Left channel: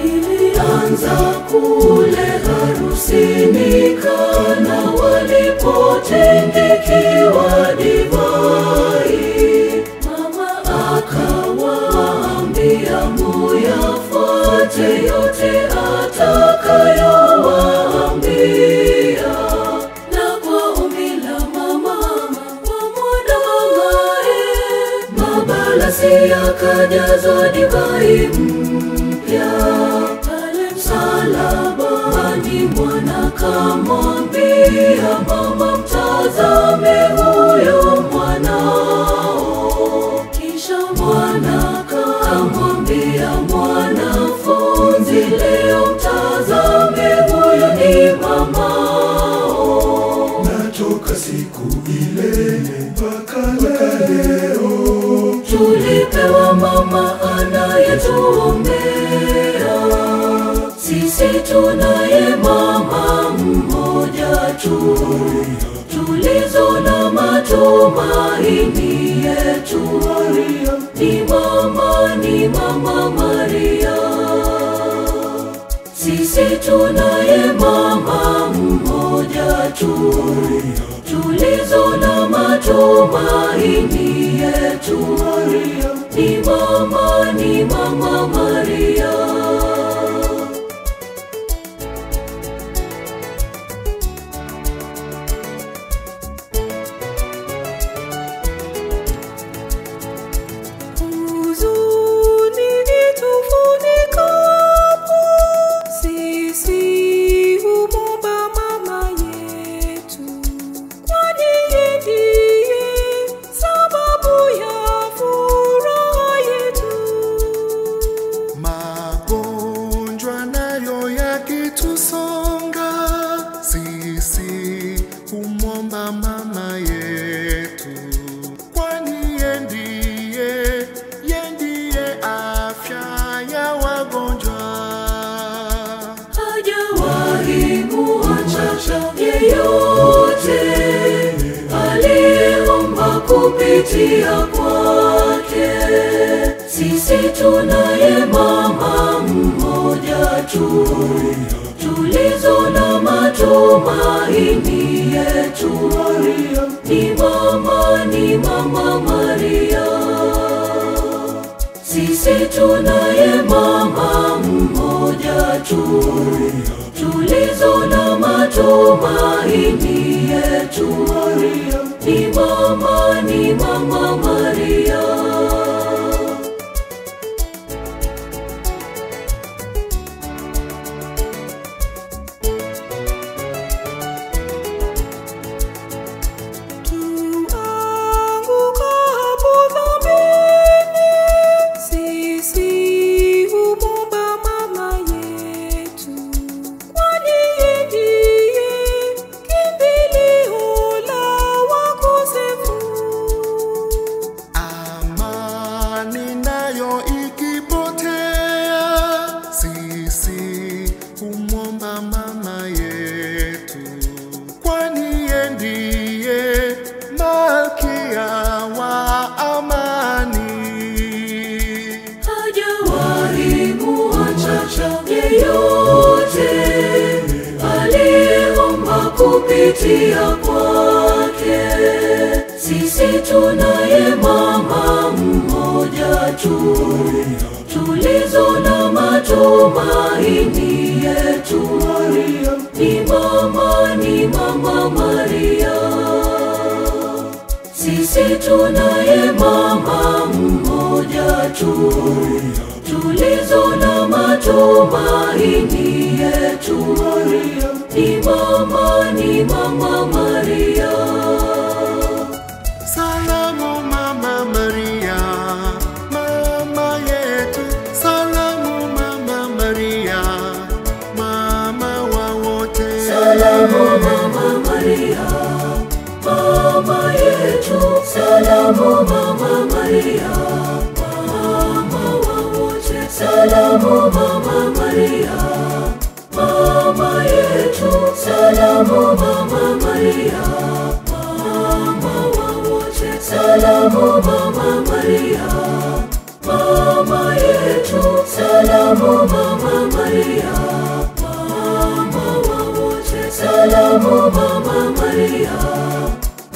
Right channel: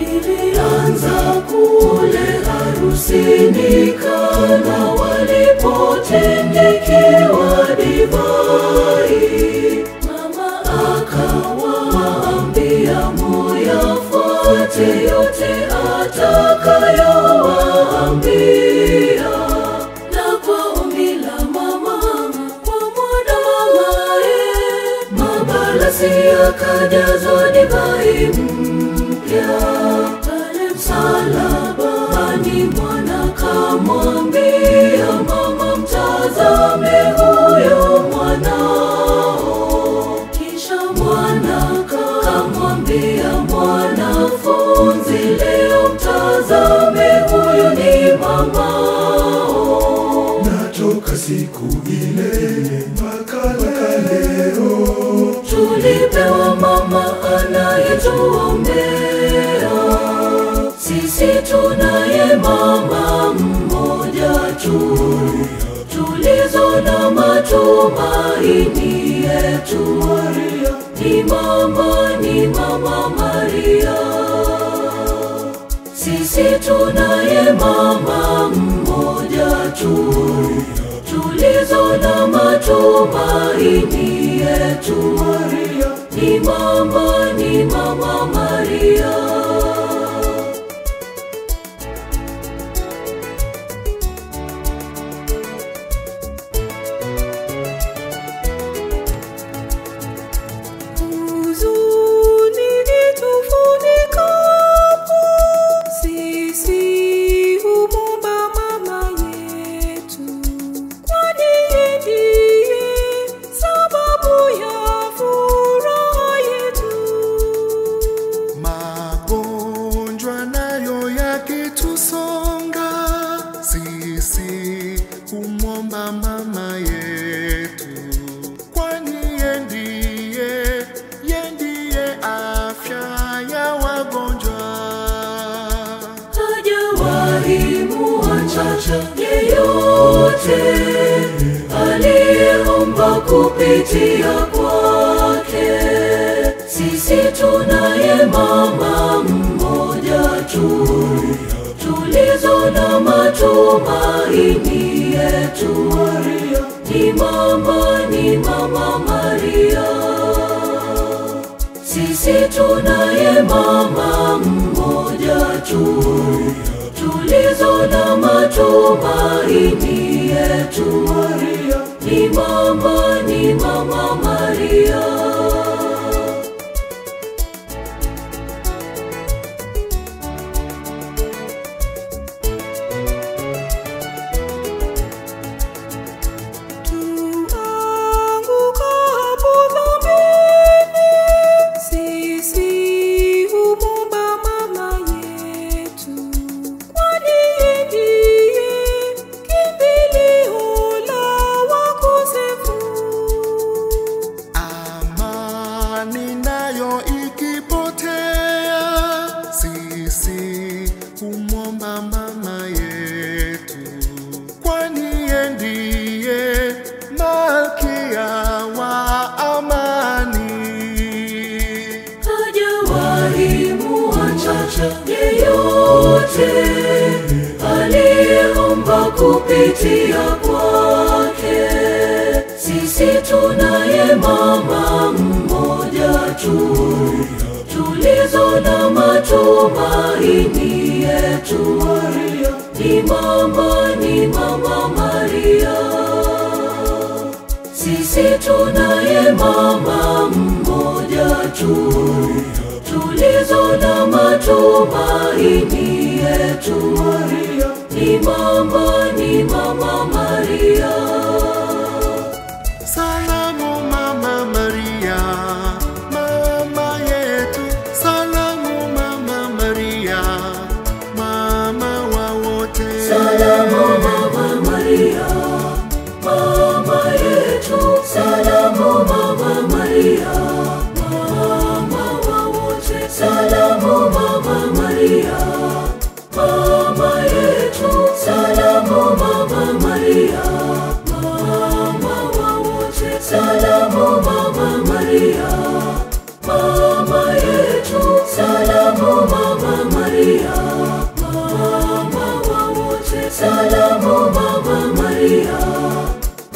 ilianza kule harusini Kana walipotengekewa divai. Mama akawaambia muyafuate yote atakayowaambia. Na kwa ombi la mama kwa mwanae, mabalasi yakajazwa divai mpya. Pale msalabani Bwana kamwambia mama, mtazame huyo mwanao. Kisha mwana kamwambia mwanafunzi, leo mtazame huyo ni mamao. Natoka siku ile mpaka leo tulipewa mama anayetuombea. Sisi tunaye mama mmoja tu, tulizo na matumaini yetu. Ni mama Maria. Sisi tunaye mama mmoja tu, tulizo na matumaini yetu. Ni mama Maria. Sisi humwomba mama yetu, kwani yeye ndiye afya ya wagonjwa. Hajawahi muacha yeyote aliyeomba kupitia kwake. Sisi tunaye mama mmoja tu, tulizo na matumaini yetu. Ni mama Maria. Sisi tunaye mama mmoja tu, tulizo na matumaini yetu. Ni mama Maria. Sisi humwomba mama yetu, kwani yeye ndiye malkia wa amani. Hajawahi muacha yeyote aliyeomba kupitia kwake. Sisi tunaye mama mmoja tu, tulizo na matumaini yetu. Ni mama Maria. Sisi tunaye mama mmoja tu, tulizo na matumaini yetu. Ni mama Maria. Salamu mama Maria, mama yetu. Salamu mama Maria, mama wa wote. Salamu mama Maria, mama yetu. Salamu mama Maria, mama wa wote. Salamu mama Maria, mama yetu. Salamu mama Maria, mama wa wote. Salamu mama Maria, mama yetu. Salamu salamu Mama Maria, mama wa wote. Salamu Mama Maria,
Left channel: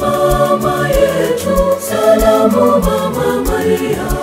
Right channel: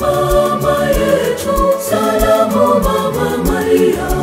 mama yetu. Salamu Mama Maria.